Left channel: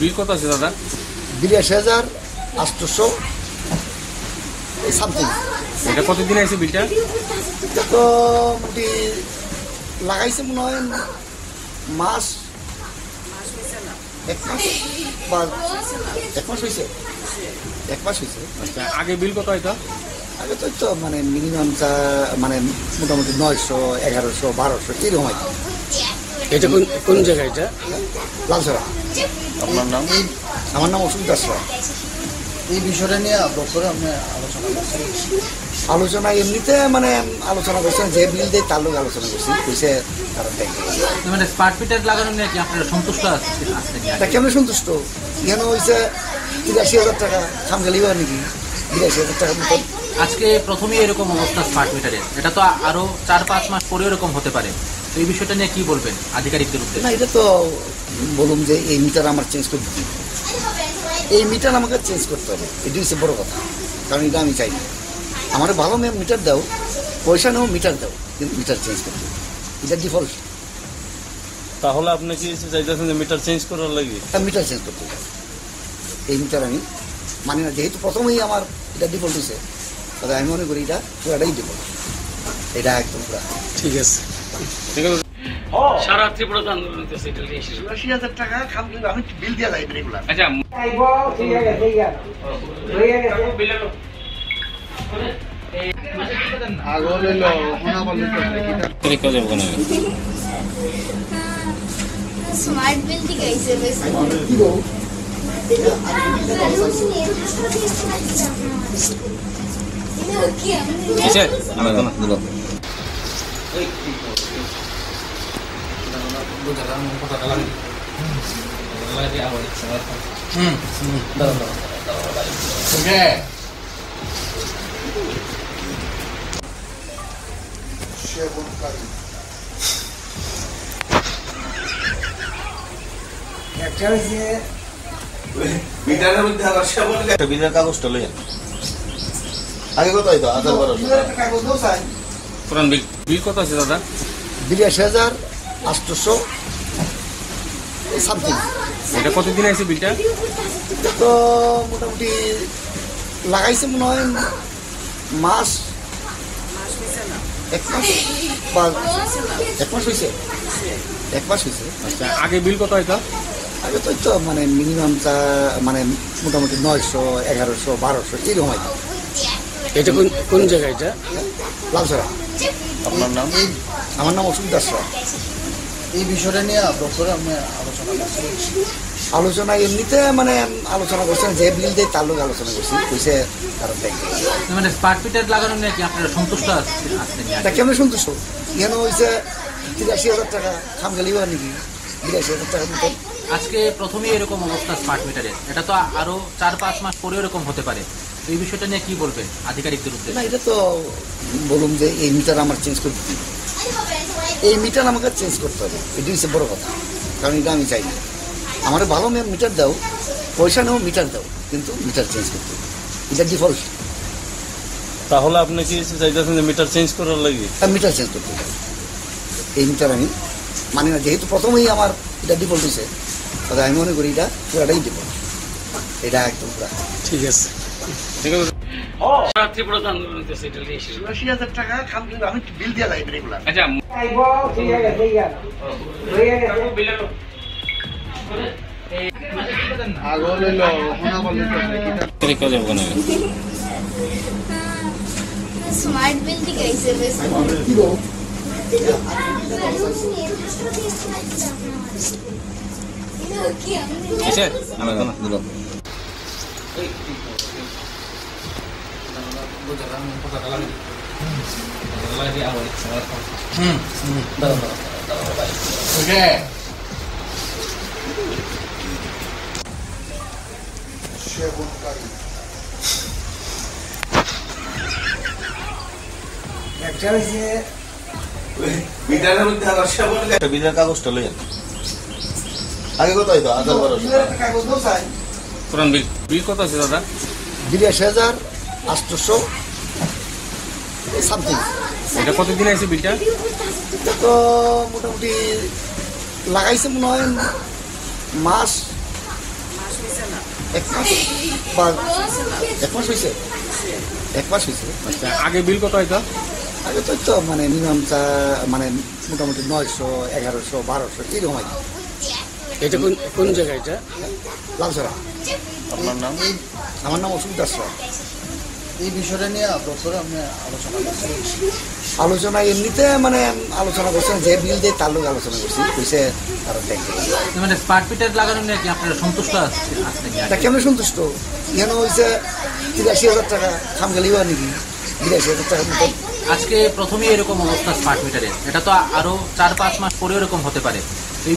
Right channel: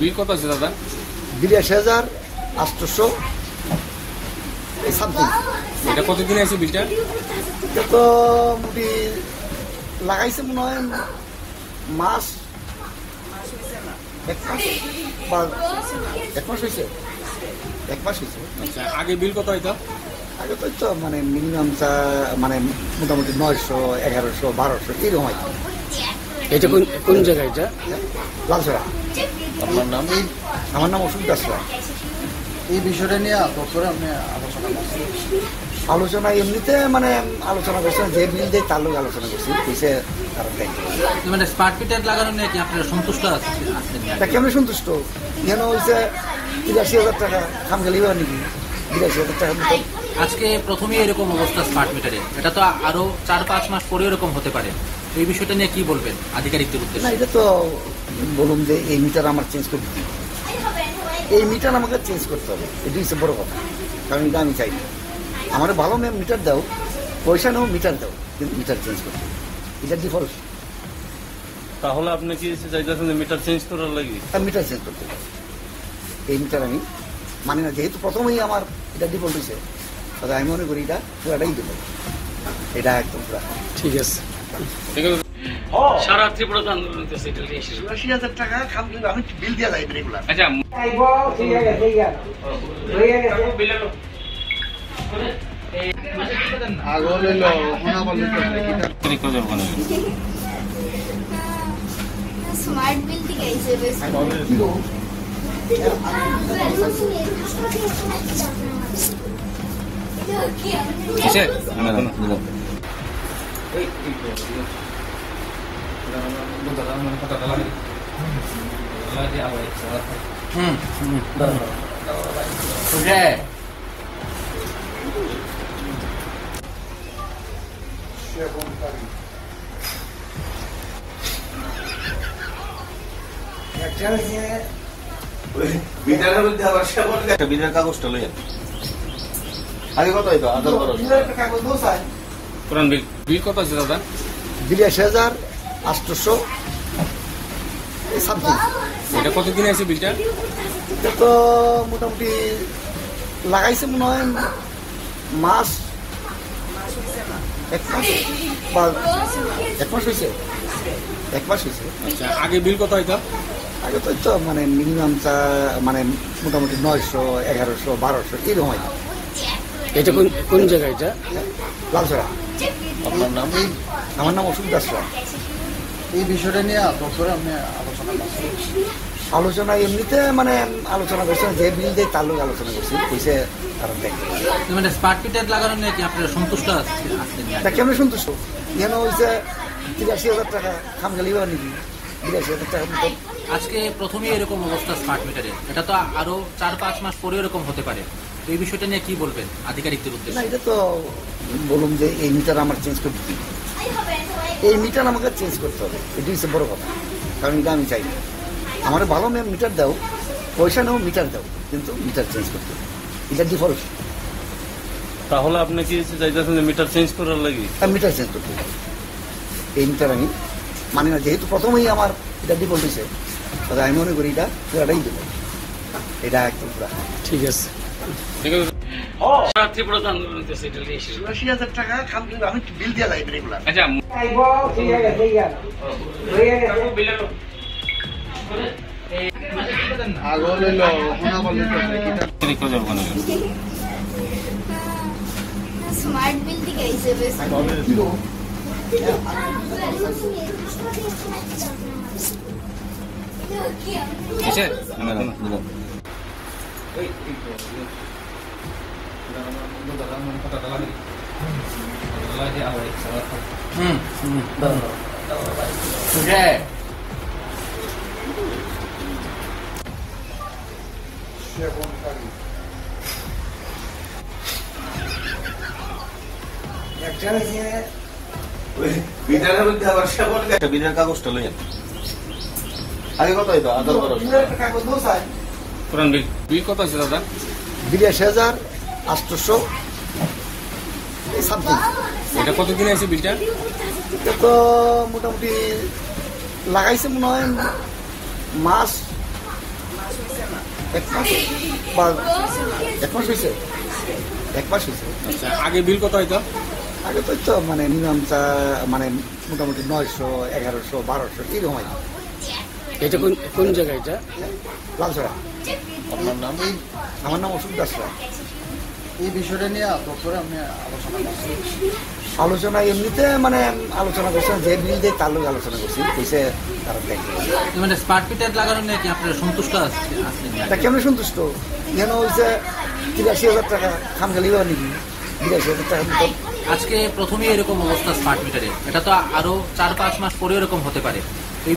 বিল কত আছে দাদা? 82,800 সামথিং। এটা কতদিন আছে বিলটা? তো মোটামুটি লাগাইছে মনে হয় মাস 1 মাস বা 1 মাস হয়েছে। 1 মাস হয়েছে। আচ্ছা, আগে বিল কত হয়তো? আগে তো মানে মিনিমাম মানে মোটামুটি 900, 1100, 1200 এরকম। এটা কোন জায়গা? এটা লালছড়া। আপনার নাম? আমার নাম অসুখ দাস। এই বিষয়টা নিয়ে বছরে আপনি আলোচনা করছেন? আলোচনা এমনিতে মানে আলোচনা করছেন, যে বিল দিয়ে তার লোক আলোচনা করছি, কইছে মানে স্মার্ট মিটার লাগানো নিয়ে কি আপনারা সন্তুষ্ট আছেন? এটা কেমন সন্তুষ্ট? কেন হয়েছে 83,000 টাকা খামগালিবা নাকি 83,000 টাকা মতো। আজকে প্রথমেই এরকম অবস্থা স্মার্ট মিটারে, এটা তো আরো 4-5 মাস পরে এরকম হতে পারে। এই বিষয়টা নিয়ে কি বলবেন আধিকারিকদের না, উদ্দেশ্যে? এটা তো বলুন যে এই মিটার আমার চেঞ্জ করতে হবে, এই মিটার আমাকে চেঞ্জ করতে হবে, এটি হচ্ছে বড় কথা। কারণ এটা আমি চাই না। আমার ভালো মিটার দাও, পয়সা নাও, মিটার দাও, কিন্তু মিটার চেঞ্জ করতে হবে, এটা ডিফল্ট। তাহলে আপনি কি চাইতেছেন মিটার চেঞ্জ করার লাগে? মিটার চেঞ্জ করতে হবে, এই মিটার আমি মানি না। যেহেতু প্রথমেই আমার এটা ডিফল্ট হয়েছে, তাহলে আমি মনে করি এটা পুরাটাই দেবো, এটা একদম পুরা। ঠিক আছে। সারা ত্রিপুরা আন্দোলন 80,000 টাকা আমি বিল দিয়ে যাই রেগুলার। আচ্ছা, स्मार्ट बिल दिखाइसे वैसे বিলের কাগজটা লইয়া আগে কত হইতো? বিল কত আছে দাদা? 82,800 সামথিং। এটা কতদিন আছে বিলটা? তো মোটামুটি লাগাইছে মনে হয় মাস 1 মাস বা 1 মাস হয়েছে। 1 মাস হয়েছে। আচ্ছা, আগে বিল কত হয়তো? আগে তো মানে মিনিমাম মানে মোটামুটি 900, 1100, 1200 এরকম। এটা কোন জায়গা? এটা লালছড়া। আপনার নাম? আমার নাম অসুখ দাস। এই বিষয়টা নিয়ে বছরে আপনি আলোচনা করছেন? আলোচনা এমনিতে মানে আলোচনা করছেন, যে বিল দিয়ে তার লোক আলোচনা করছি, কইছে মানে স্মার্ট মিটার লাগানো নিয়ে কি আপনারা সন্তুষ্ট আছেন? এটা কেমন সন্তুষ্ট? কেন হয়েছে 83,000 টাকা খামগালিবা নাকি 83,000 টাকা মতো। আজকে প্রথমেই এরকম অবস্থা স্মার্ট মিটারে, এটা তো আরো 4-5 মাস পরে এরকম হতে পারে। এই বিষয়টা নিয়ে কি বলবেন আধিকারিকদের না, উদ্দেশ্যে? এটা তো বলুন যে এই মিটার আমার চেঞ্জ করতে হবে, এই মিটার আমাকে চেঞ্জ করতে হবে, এটি হচ্ছে বড় কথা। কারণ এটা আমি চাই না। আমার ভালো মিটার দাও, পয়সা নাও, মিটার দাও, কিন্তু মিটার চেঞ্জ করতে হবে, এটা ডিফল্ট। তাহলে আপনি কি চাইতেছেন মিটার চেঞ্জ করার লাগে? মিটার চেঞ্জ করতে হবে, এই মিটার আমি মানি না। যেহেতু প্রথমেই আমার এটা ডিফল্ট হয়েছে, তাহলে আমি মনে করি এটা পুরাটাই দেবো, এটা একদম পুরা। ঠিক আছে। সারা ত্রিপুরা আন্দোলন 80,000 টাকা আমি বিল দিয়ে যাই রেগুলার। আচ্ছা, स्मार्ट बिल दिखाइसे वैसे বিলের কাগজটা লইয়া আগে কত হইতো? বিল কত আছে দাদা? 82,800 সামথিং। এটা কতদিন আছে বিলটা? তো মোটামুটি লাগাইছে মনে হয় মাস এক মাস হয়েছে। আচ্ছা, আগে বিল কত হইতো? আমি তো মানে মিনিমামটা মানে মোটামুটি 900, 1100, 1200 এরকম হয়। এটা কোন জায়গা এটা? লালসরা। এই আমার নাম অশোক দাস। এই বিষয়টা নিয়ে ডক্টরে আপনি আলোচনা করছেন? আলোচনা এমনিতে মানে আলোচনা করছেন, যে বিল দিয়ে তার লোক আলোচনা করছি, কইছে আরো দেখবে। মানে স্মার্ট মিটার লাগানো নিয়ে কি আপনারা সন্তুষ্ট আছেন? এটা কেমন সন্তুষ্ট? এখানে হয়েছে 83,000 টাকা, খামগালিও নাকি 82,000 টাকার মতো। আজকে প্রথমেই এরকম অবস্থা স্মার্ট মিটারের, এটা তো আরো 4-5 মাস পরে এরকম হতে পারে।